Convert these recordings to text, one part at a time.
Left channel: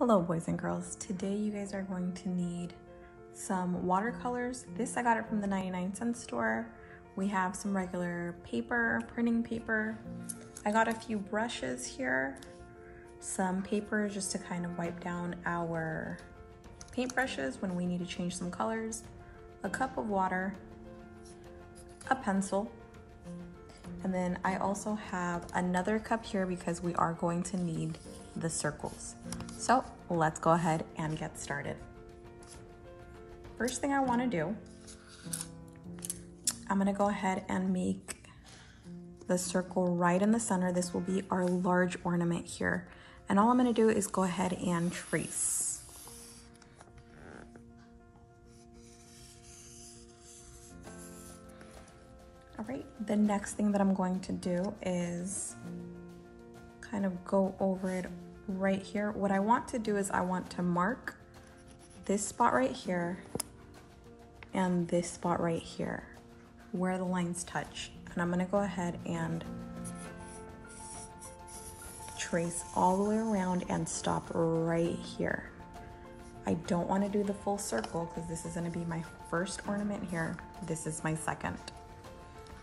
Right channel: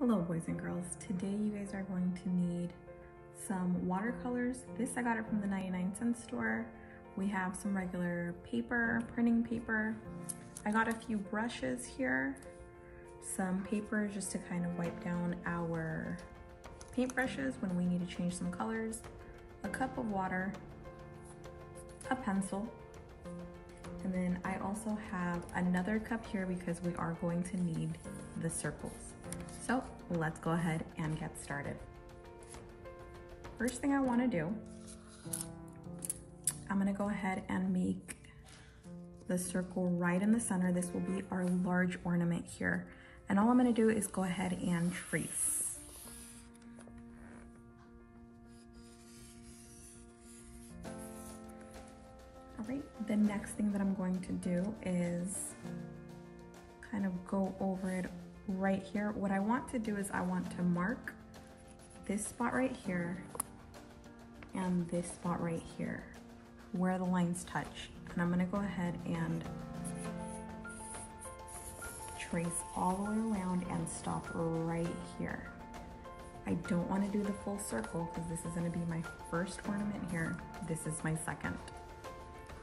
Hello boys and girls. Today you guys are going to need some watercolors. This I got it from the 99-cent store. We have some regular paper, printing paper. I got a few brushes here, some paper just to kind of wipe down our paintbrushes when we need to change some colors, a cup of water, a pencil, and then I also have another cup here because we are going to need the circles. So let's go ahead and get started. First thing I want to do, I'm going to go ahead and make the circle right in the center. This will be our large ornament here. And all I'm going to do is go ahead and trace. All right, the next thing that I'm going to do is kind of go over it right here. What I want to do is I want to mark this spot right here and this spot right here where the lines touch. And I'm gonna go ahead and trace all the way around and stop right here. I don't want to do the full circle because this is going to be my first ornament here. This is my second.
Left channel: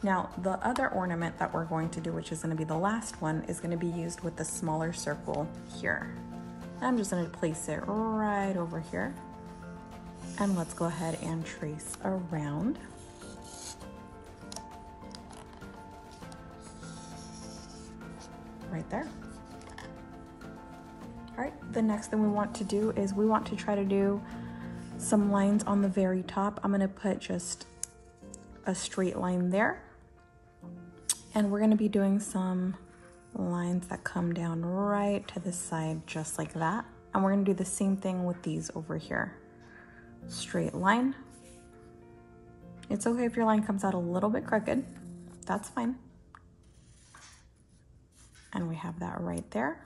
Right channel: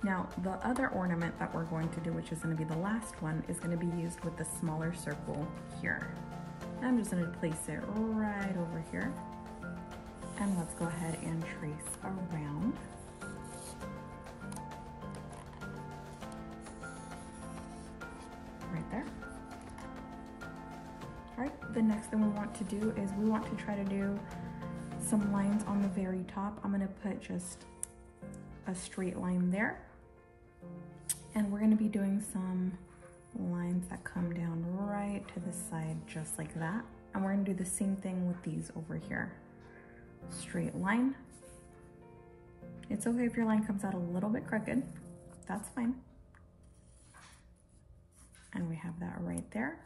Now, the other ornament that we're going to do, which is going to be the last one, is going to be used with the smaller circle here. I'm just going to place it right over here. And let's go ahead and trace around. Right there. All right, the next thing we want to do is we want to try to do some lines on the very top. I'm going to put just a straight line there. And we're going to be doing some lines that come down right to the side, just like that. And we're going to do the same thing with these over here. Straight line. It's okay if your line comes out a little bit crooked. That's fine. And we have that right there.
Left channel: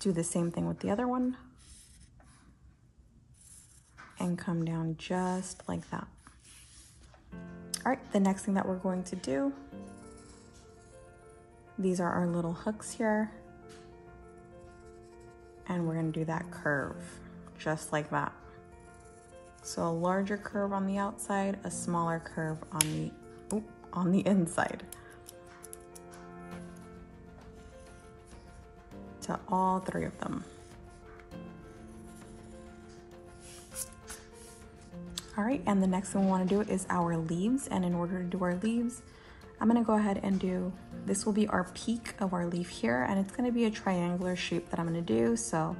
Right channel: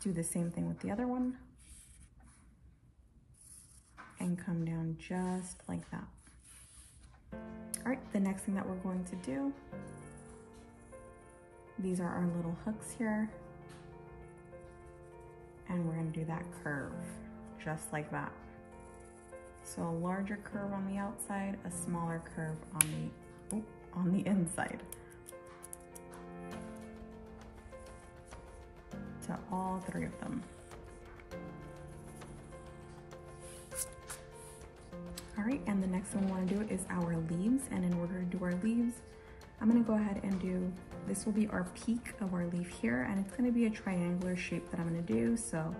Do the same thing with the other one. And come down just like that. All right, the next thing that we're going to do, these are our little hooks here. And we're gonna do that curve, just like that. So a larger curve on the outside, a smaller curve on the inside. To all three of them. All right, and the next thing we want to do is our leaves. And in order to do our leaves, I'm going to go ahead and do, this will be our peak of our leaf here, and it's going to be a triangular shape that I'm going to do. So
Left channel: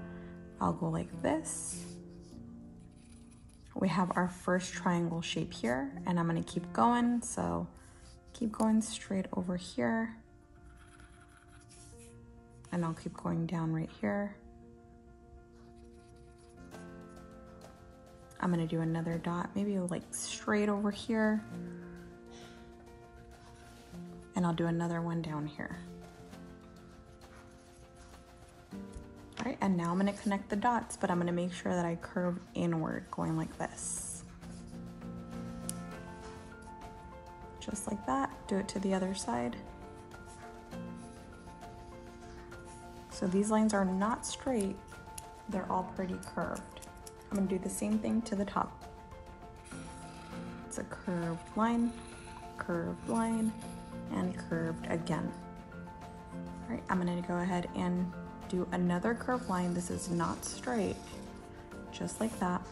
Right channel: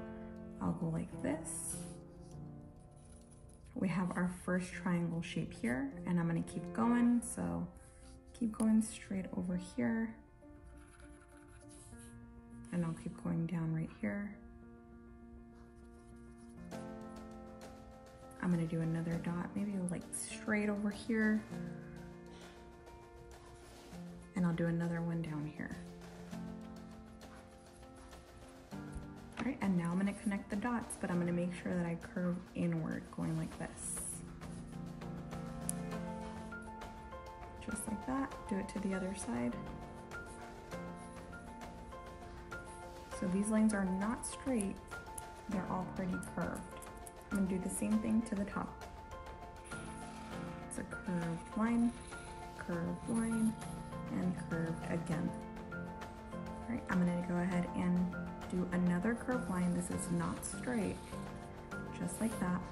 I'll go like this. We have our first triangle shape here, and I'm going to keep going. So keep going straight over here. And I'll keep going down right here. I'm gonna do another dot, maybe like straight over here. And I'll do another one down here. All right, and now I'm gonna connect the dots, but I'm gonna make sure that I curve inward, going like this. Just like that, do it to the other side. So these lines are not straight, they're all pretty curved. I'm gonna do the same thing to the top. It's a curved line, and curved again. All right, I'm gonna go ahead and do another curved line. This is not straight, just like that.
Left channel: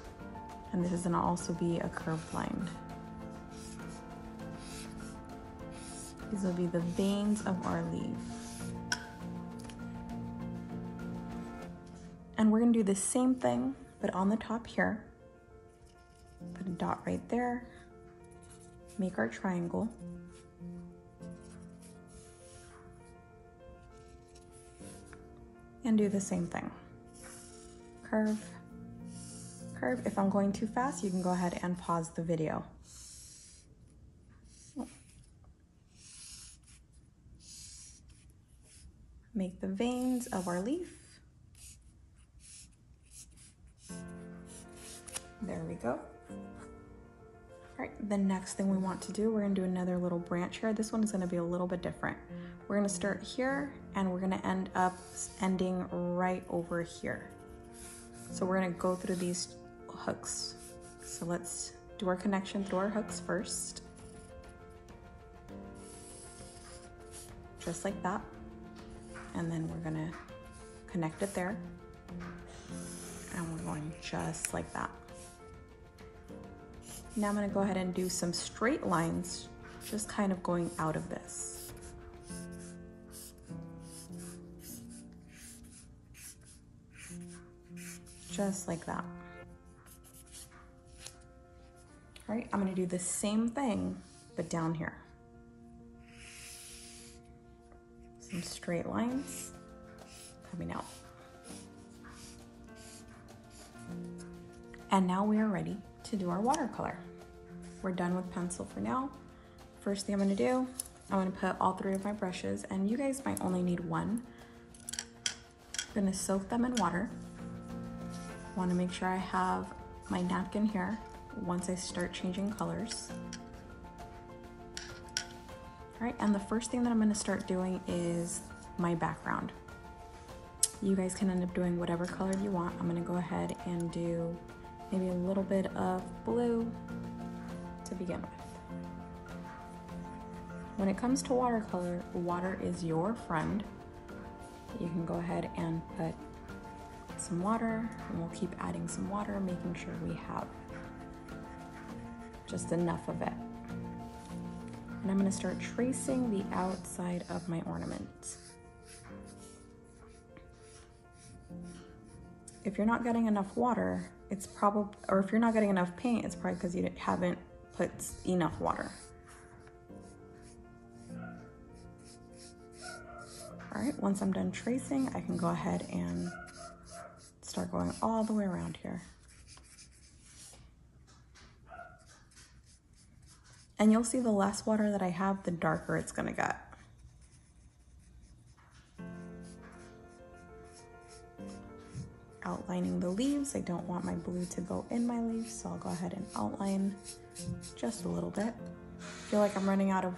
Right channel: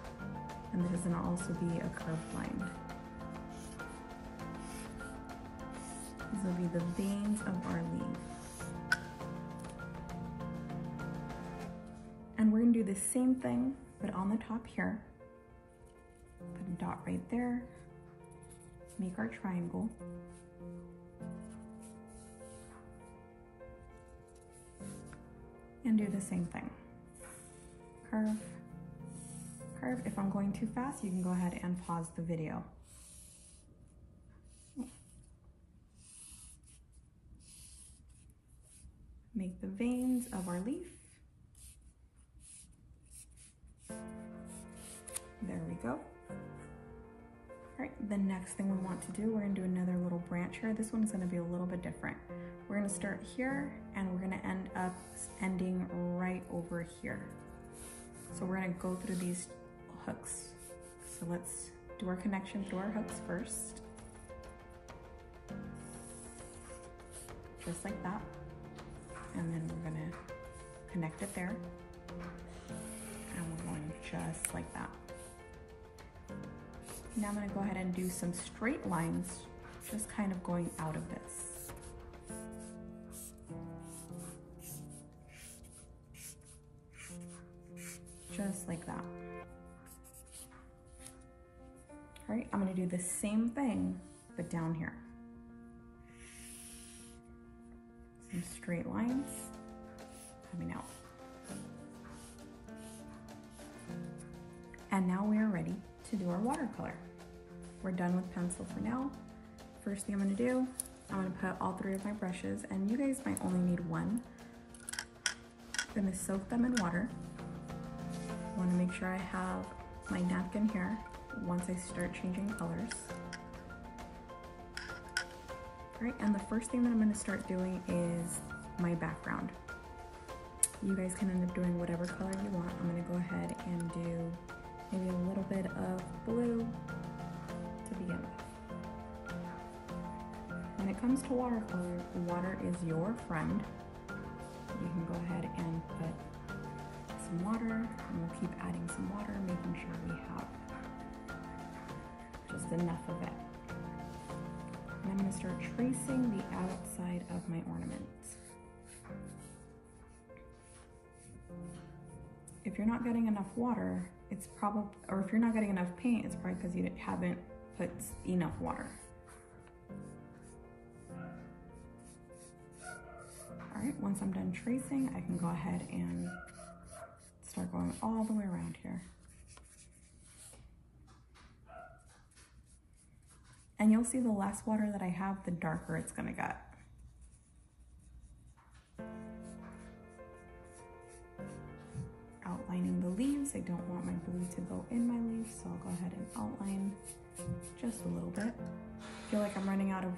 And this is gonna also be a curved line. These will be the veins of our leaf. And we're gonna do the same thing, but on the top here. Put a dot right there. Make our triangle. And do the same thing. Curve, curve. If I'm going too fast, you can go ahead and pause the video. Make the veins of our leaf. There we go. All right, the next thing we want to do, we're gonna do another little branch here. This one is gonna be a little bit different. We're gonna start here and we're gonna end up ending right over here. So we're gonna go through these hooks. So let's do our connection through our hooks first. Just like that. And then we're gonna connect it there. And we're going just like that. Now I'm gonna go ahead and do some straight lines, just kind of going out of this. Just like that. All right, I'm gonna do the same thing, but down here. Some straight lines coming out. And now we are ready to do our watercolor. We're done with pencil for now. First thing I'm gonna do, I'm gonna put all 3 of my brushes, and you guys might only need 1. I'm gonna soak them in water. Want to make sure I have my napkin here once I start changing colors. All right, and the first thing that I'm going to start doing is my background. You guys can end up doing whatever color you want. I'm going to go ahead and do maybe a little bit of blue to begin with. When it comes to watercolor, water is your friend. You can go ahead and put some water, and we'll keep adding some water, making sure we have just enough of it. And I'm going to start tracing the outside of my ornament. If you're not getting enough water, it's probably, or if you're not getting enough paint, it's probably because you haven't put enough water. All right, once I'm done tracing, I can go ahead and start going all the way around here. And you'll see the less water that I have, the darker it's gonna get. Outlining the leaves. I don't want my blue to go in my leaves, so I'll go ahead and outline just a little bit. I feel like I'm running out of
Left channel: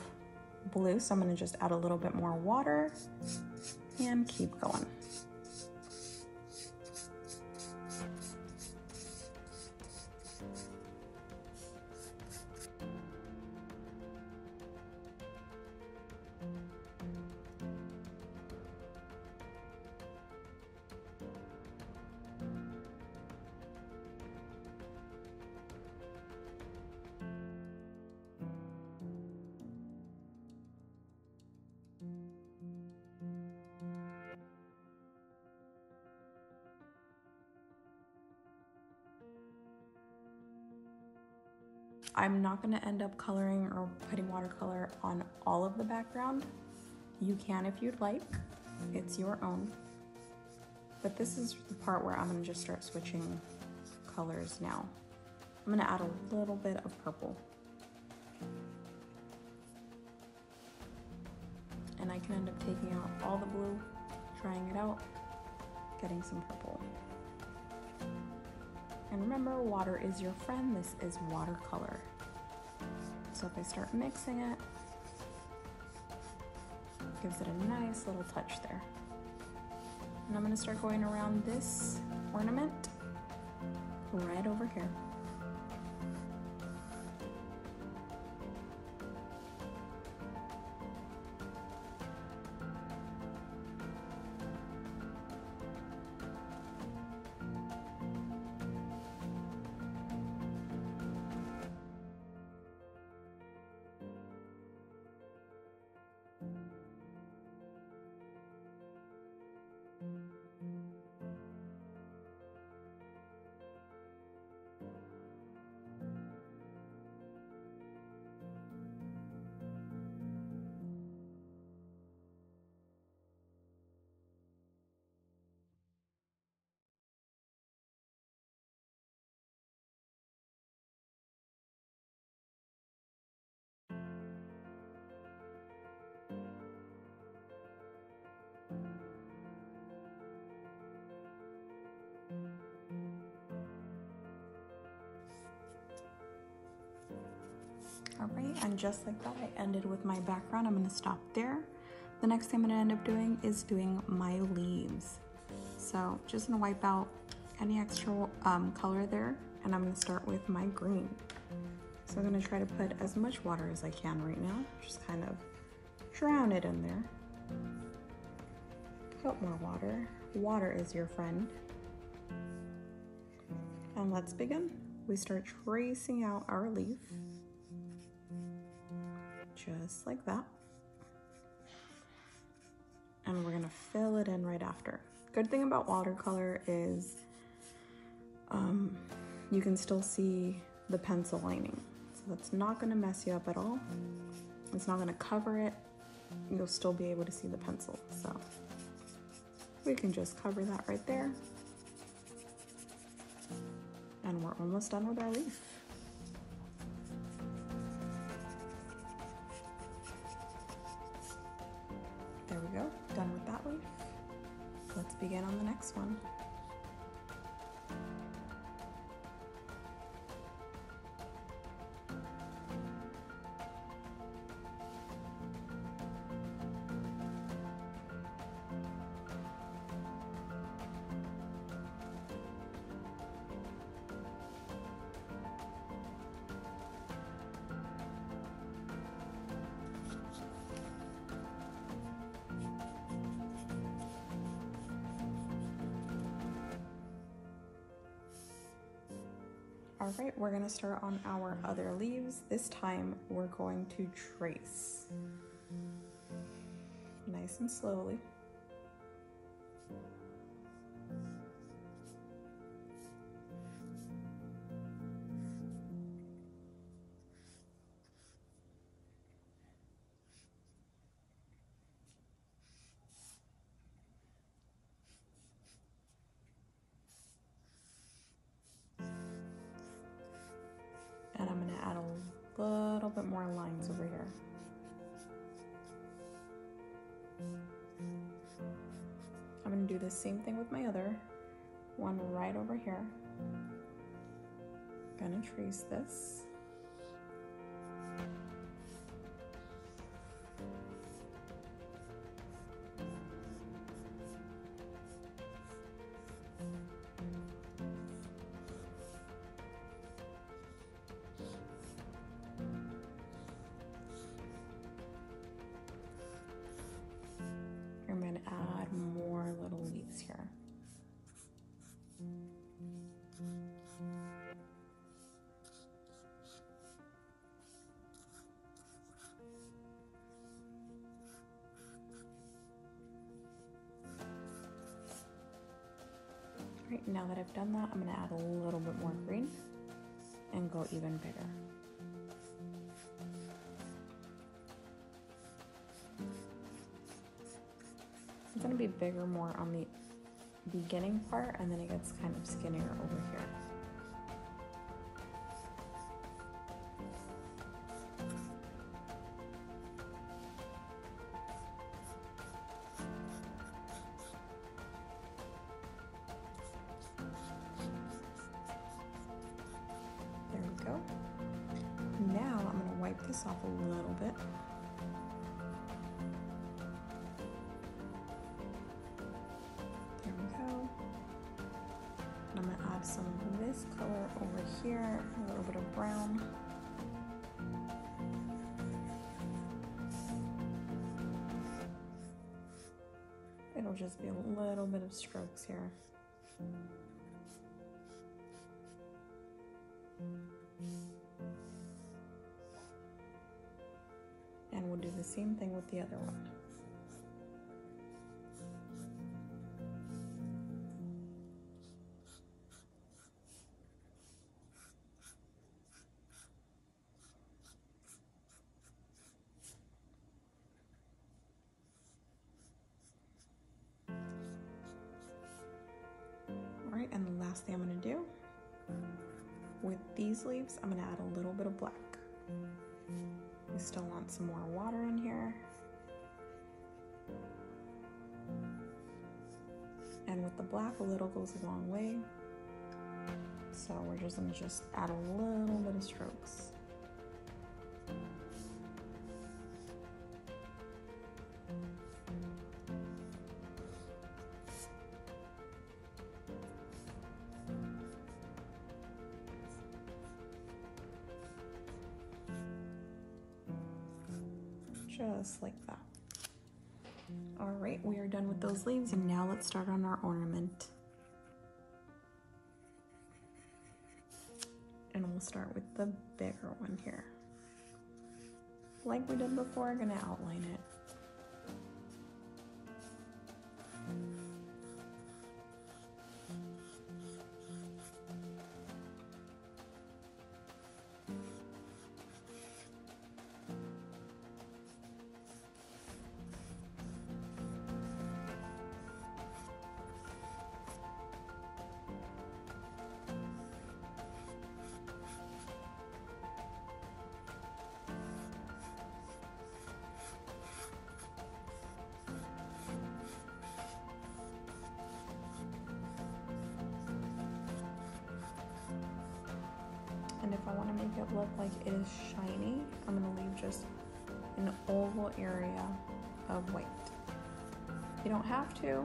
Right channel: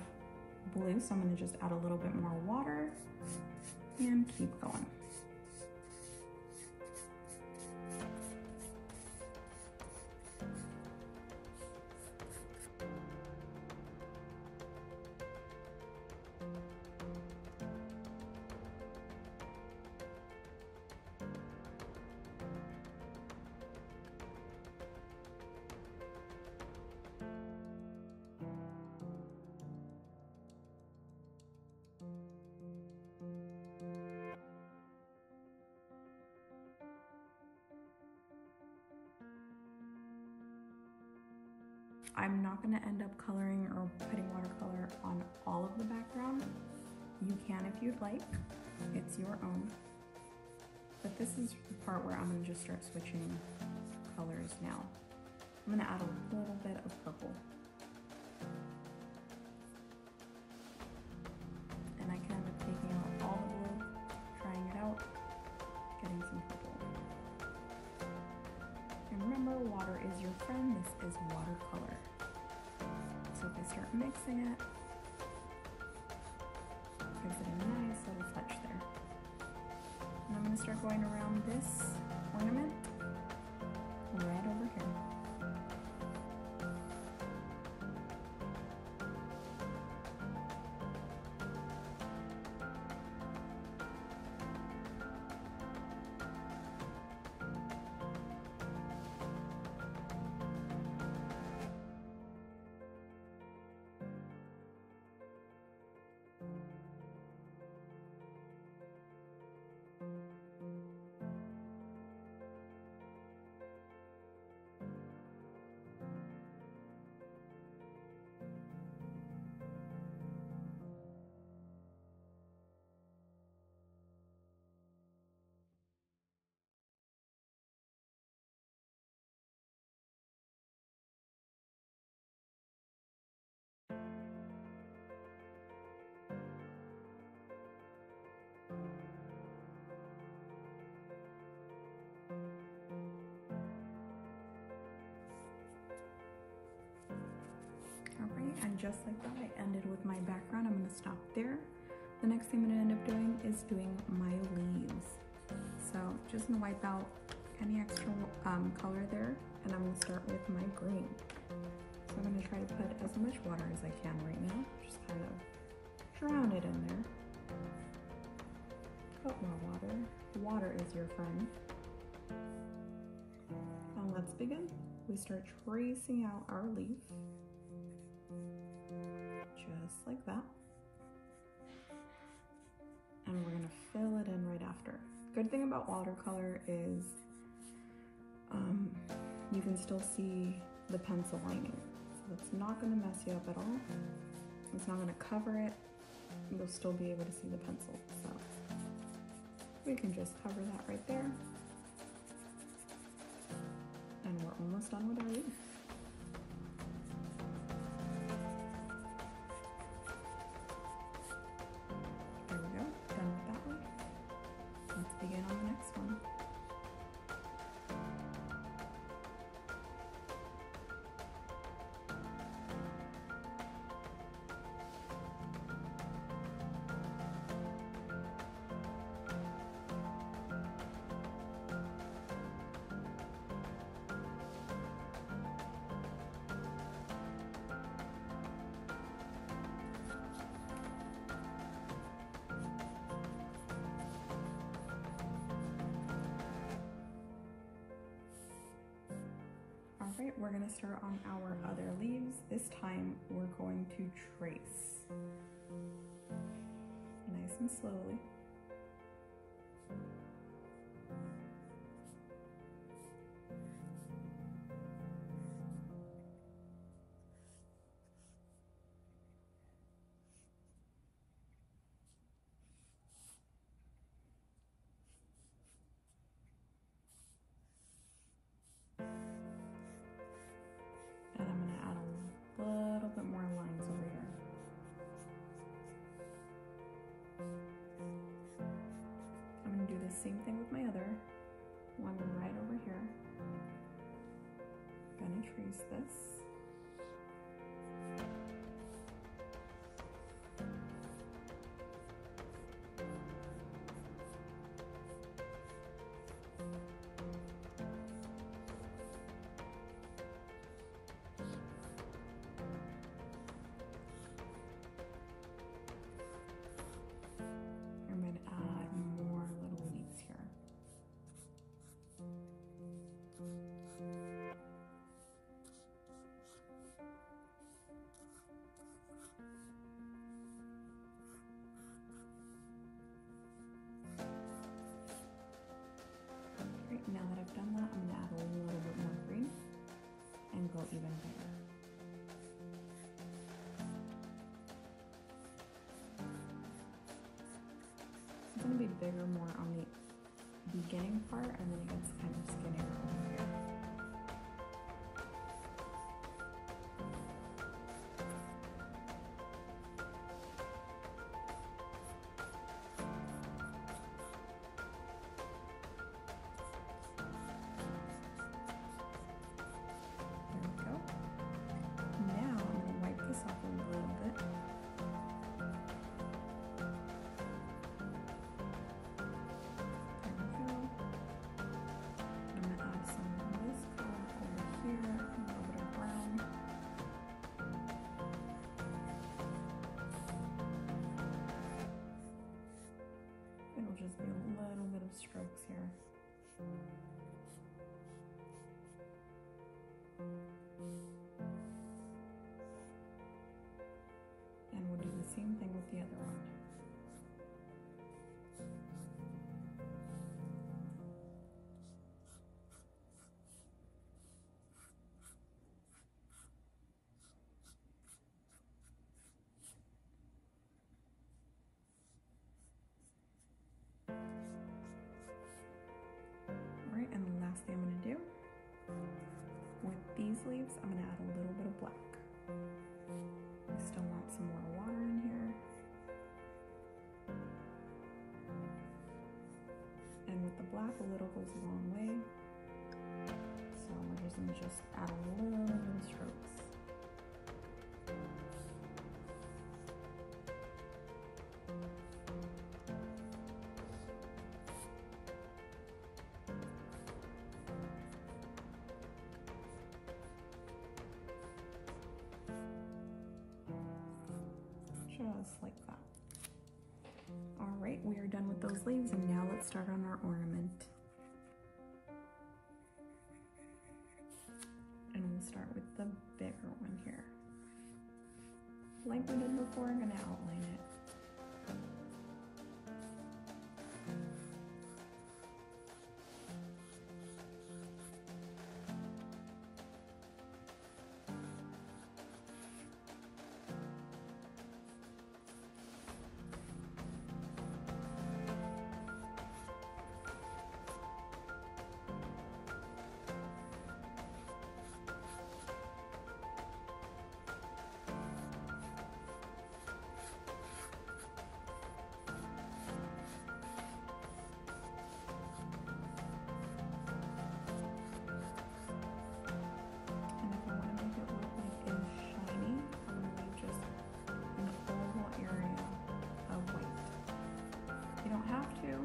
blue, so I'm gonna just add a little bit more water and keep going. I'm not going to end up coloring or putting watercolor on all of the background. You can if you'd like, it's your own. But this is the part where I'm going to just start switching colors now. I'm going to add a little bit of purple. And I can end up taking out all the blue, trying it out, getting some purple. And remember, water is your friend. This is watercolor. So if I start mixing it, gives it a nice little touch there. And I'm going to start going around this ornament right over here. All right, and just like that, I ended with my background. I'm gonna stop there. The next thing I'm gonna end up doing is doing my leaves. So just gonna wipe out any extra color there, and I'm gonna start with my green. So I'm gonna try to put as much water as I can right now, just kind of drown it in there. Put more water. Water is your friend. And let's begin. We start tracing out our leaf, just like that. And we're gonna fill it in right after. Good thing about watercolor is you can still see the pencil lining. So that's not gonna mess you up at all. It's not gonna cover it. You'll still be able to see the pencil. So we can just cover that right there. And we're almost done with our leaf. There we go, done with that one. Let's begin on the next one. All right, we're gonna start on our other leaves. This time we're going to trace. Nice and slowly. And I'm gonna add a little bit more lines over here. I'm gonna do the same thing with my other one right over here. Gonna trace this. I'm going to add more little leaves here. Right, now that I've done that, I'm going to add a little bit more green and go even bigger. It's going to be bigger more on the beginning part, and then it gets kind of skinnier over here. There we go. Now I'm going to wipe this off a little bit. I'm going to add some of this color over here, a little bit of brown. It'll just be a little bit of strokes here. And we'll do the same thing with the other one. All right, and the last thing I'm going to do with these leaves, I'm going to add a little bit of black. I still want some more water in here. And with the black, a little goes a long way. So we're just going to add a little bit of strokes. just like that. All right, we are done with those leaves, and now let's start on our ornament. And we'll start with the bigger one here. Like we did before, I'm gonna outline it. And if I want to make it look like it is shiny, I'm going to leave just an oval area of white. You don't have to. You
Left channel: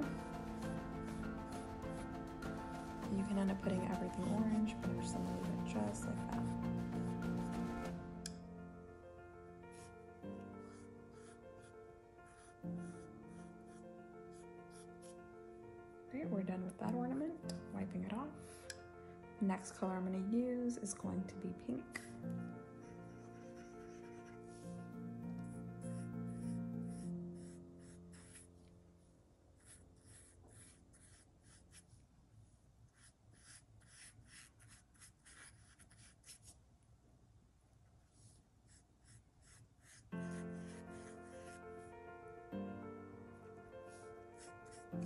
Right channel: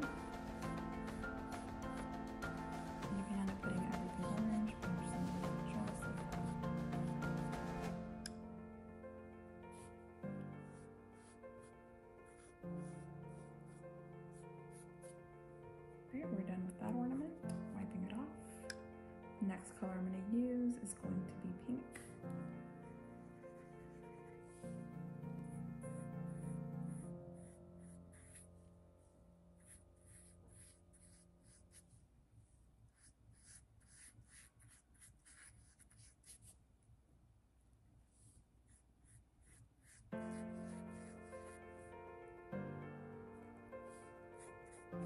can end up putting everything orange, but I'm just going to leave it just like that. Okay, we're done with that ornament. Wiping it off. Next color I'm going to use is going to be pink.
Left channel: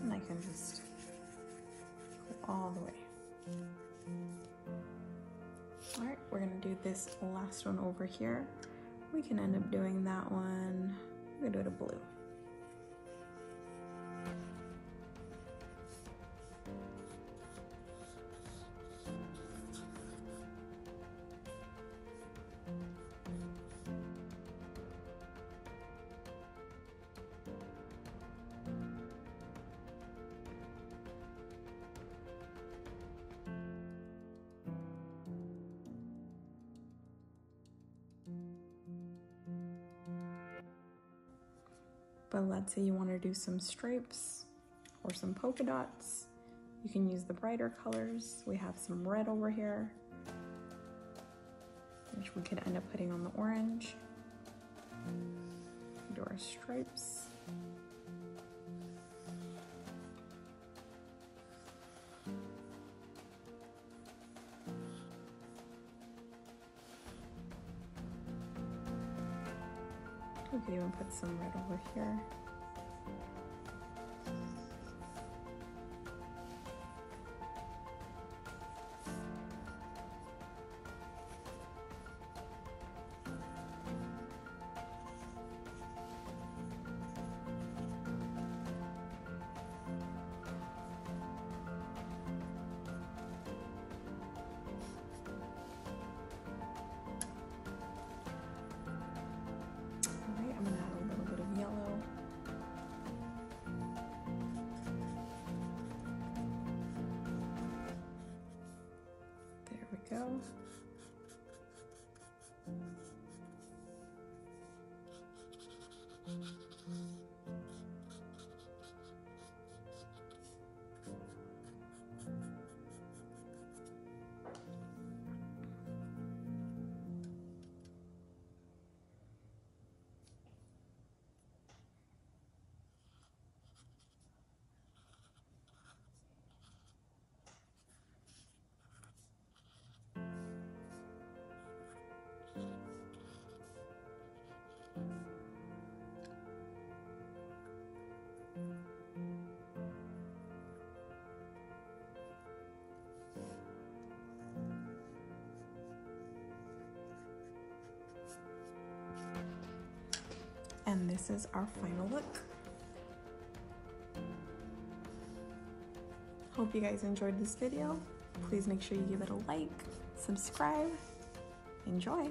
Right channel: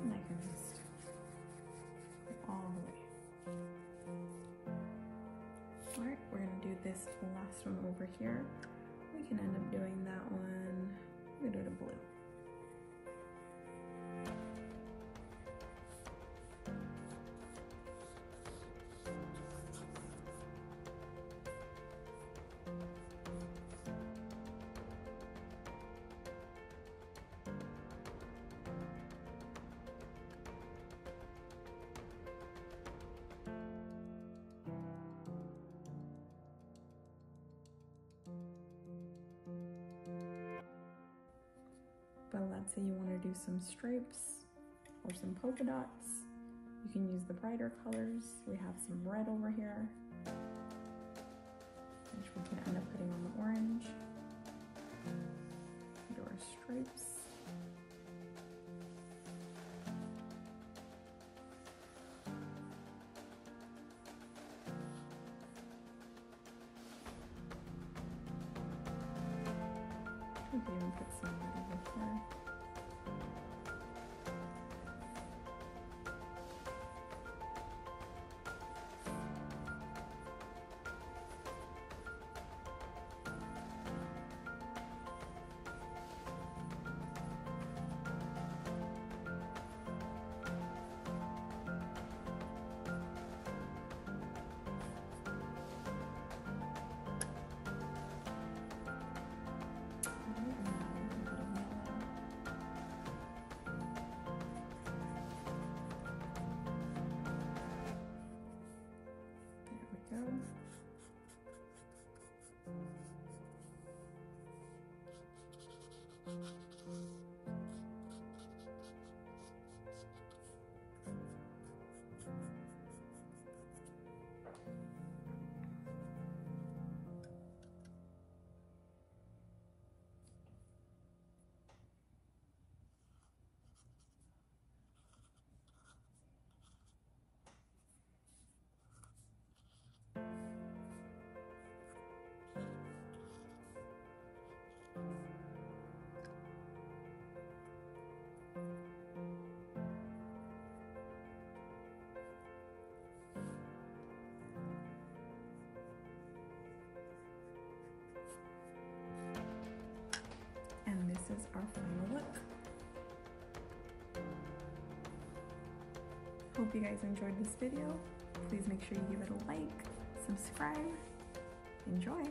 And I can just go all the way. All right, we're gonna do this last one over here. We can end up doing that one. We're gonna do it a blue. But let's say you want to do some stripes or some polka dots. You can use the brighter colors. We have some red over here, which we could end up putting on the orange. Do our stripes. We can even put some red over here. I'm gonna add a little bit of yellow. There we go. And this is our final look. Hope you guys enjoyed this video. Please make sure you give it a like, subscribe, enjoy.